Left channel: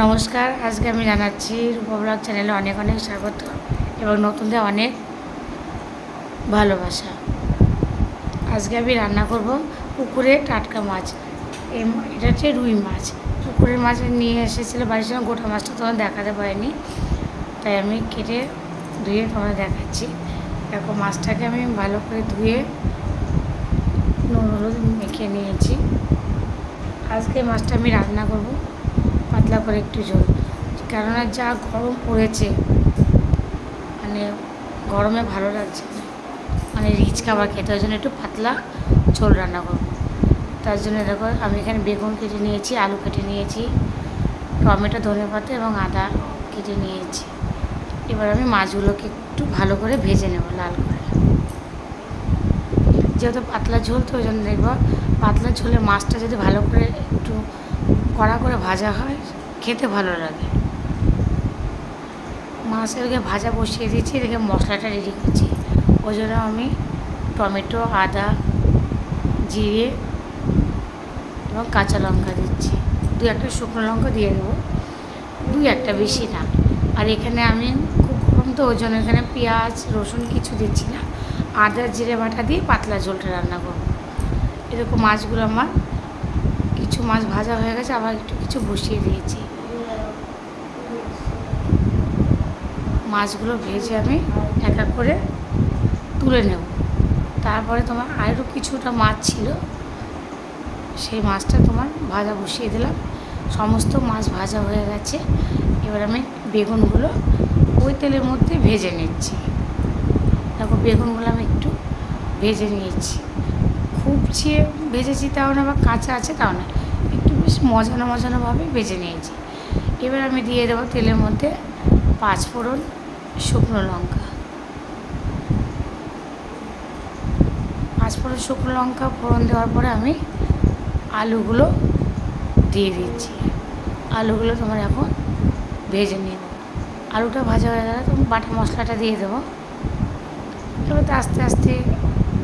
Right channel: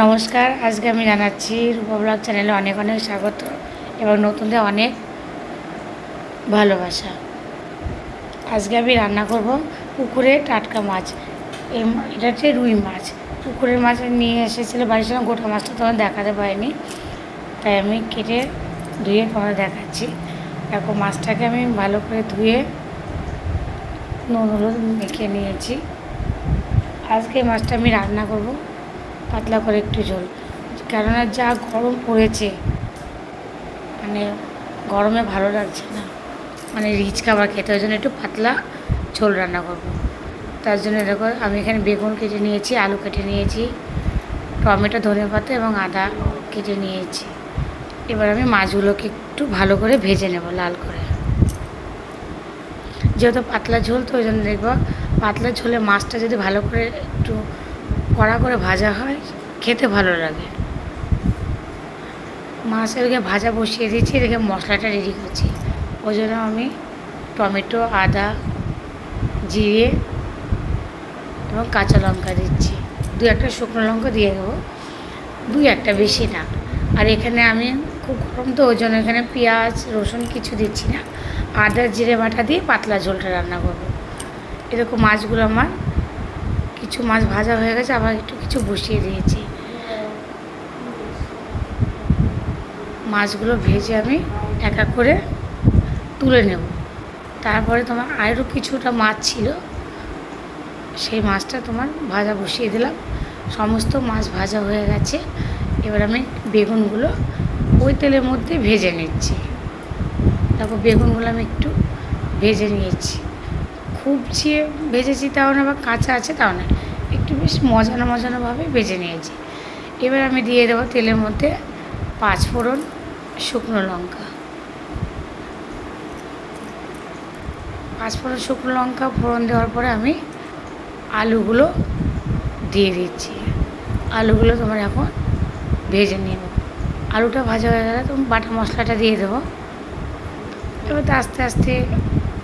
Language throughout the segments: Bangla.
নমস্কার, আজকে আমি জানাচ্ছি রূপব্লগ চ্যানেলে অনেক অনেক স্বাগত এবং নতুনদের অনেক ভালোবাসা। আজকে আমি রান্না করব পুকুরে টাটকা মাছ। এটা হচ্ছে রুই মাছ। পুকুরের মাছ নিয়ে এসেছিল বাড়ির সঙ্গে গোটা মাছটা তোমার দেখাতে পারিনি। তাই আমি কেটে ধুয়ে তোমাদের দেখাচ্ছি। দেখো মাছটাকে আমি ভালো করে ধুয়ে নুন, হলুদ মেখে নিয়েছি। আজকে মাছটা আমি রান্না করব পাতলা করে একটু ঝোল কেননা যা গরম পড়েছে মানে গরমে ভালো লাগছে না। মানে রিচ খাবার খেতে, ওই জন্য একটু পাতলা ঝোল রান্না করব। তার জন্য দেখো, আমি এখানে বেগুন কেটে নিয়েছি, আলু কেটে নিয়েছি, টমেটো, ধনে পাতা এবং আদা কেটে নিয়েছি। এবার আমি মাছগুলোকে একটু ভালো করে ভেজে নেব লাল করে। যেহেতু পাতলা ঝোল, তো ওই জন্য দেখব পাতলা ঝোলে মাছটা যদি ভালো করে একটু কড়া করে ভাজা হয়, খেতে ভালো লাগে। মাছ এদিকে ভাজা বসিয়ে দিচ্ছি এদিকে মশলাটা রেডি করছি। ওই জন্য আমি টমেটো, আদা, জিরে এবং কাঁচা লঙ্কা দিচ্ছি। দু একটা শুকনো লঙ্কা দিয়ে দেবো দুই একটা বেশি না। আর এখানে আমি খুব গরম তো ওই জন্য এখানে পেঁয়াজ, রসুন কিছু দিচ্ছি না। আদা, জিরে বাটা দিয়ে পাতলা ঝোলটা রান্না করব। এরকম মাছগুলো আমার কিছু মাছ ভাজা হয়ে গেছে, আবার একটু কিছু বসিয়ে দিয়েছি। মাছগুলো ভেজে আমি এক এক করে তুলে নেব। তারপরে তোমার আরও কিছুটা মাছ ছিল, সেই মাছটা তোমার ভাজা বসিয়ে দিলাম। সমস্ত মাছ ভাজা হয়ে গেছে, এবার আমি বেগুনগুলো ওই তেলের মধ্যে ভেজে নিচ্ছি। দেখো বেগুনগুলো আমি একটু ভেজে নিয়েছি। খুব যে ভেজেছি তাও না বা কাঁচা আছে তাও না। একটু বেশ মজানো মজানোভাবে ভেজে নিয়েছি। এবার আমি দিয়ে দেবো তেলের মধ্যে পাঁচ ফোড়ন শুকনো লঙ্কা। পাঁচ ফোড়ন শুকনো লঙ্কা, ফোড়ন দেওয়ার পরে আমি আলুগুলো দিয়ে দিচ্ছি। আলুগুলো তোমার এখন ভেজে নিয়ে নেব। আলুটা ভাজা হয়ে গেলে তুমি বাটা মশলাটা দিয়ে দেবো। এবার আস্তে আস্তে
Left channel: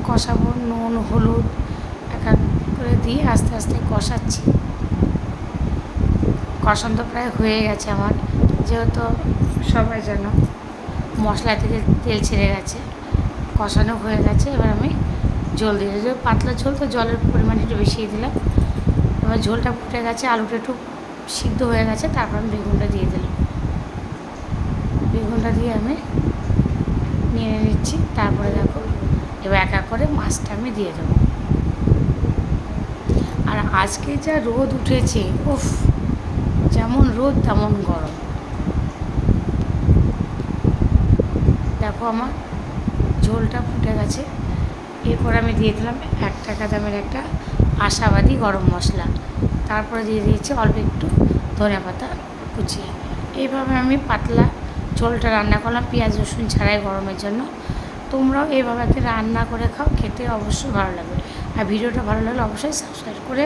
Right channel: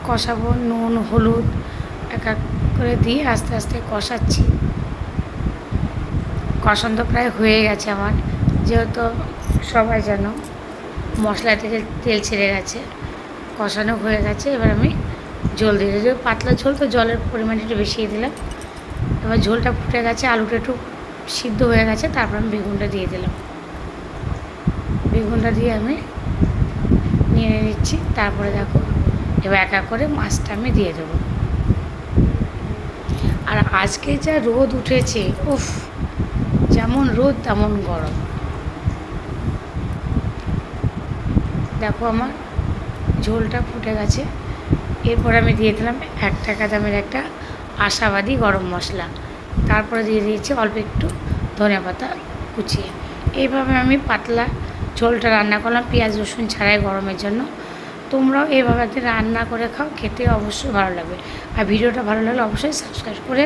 কষাবো, নুন, হলুদ, এক এক করে দিয়ে আস্তে আস্তে কষাচ্ছি। কষান তো প্রায় হয়ে গেছে আমার। যেহেতু সবাই যেন মশলা থেকে তেল ছেড়ে গেছে, কষানো হয়ে গেছে, এবার আমি জল দিয়ে দিই পাতলা ঝোল, তো জলের পরিমাণ একটু বেশি দিলাম। এবার ঝোলটা ফুটে গেছে, আলুটা একটু সিদ্ধ হয়ে গেছে, তারপর আমি বেগুনটা দিয়ে দিলাম। বেগুনটা দিয়ে আমি নিয়ে নিচ্ছি, তারপরে দেখো, এবার এক করে মাছটা আমি দিয়ে দেবো। আর আজকে যা রোদ উঠেছে, উফ! যেমন রোদ, তেমন গরম। দেখো আমার ঝোলটা ফুটে গেছে। এরপর আমি দিয়ে দিলাম এক টাকা দামের একটা আশাবাদী গরম মশলা। তারপরে দিয়ে দিয়েছি অল্প একটু ধনে পাতা কুচিয়ে। এইভাবে আমি পাতলা ঝোলটা রান্না করলাম, পেঁয়াজ, রসুন ছাড়াই গরমের জন্য। তোমরাও এইভাবে রান্না করে খাও, খেতে অবশ্যই ভালো লাগবে। আর ভিডিওটা ভালো লাগলে অবশ্যই সাবস্ক্রাইব করে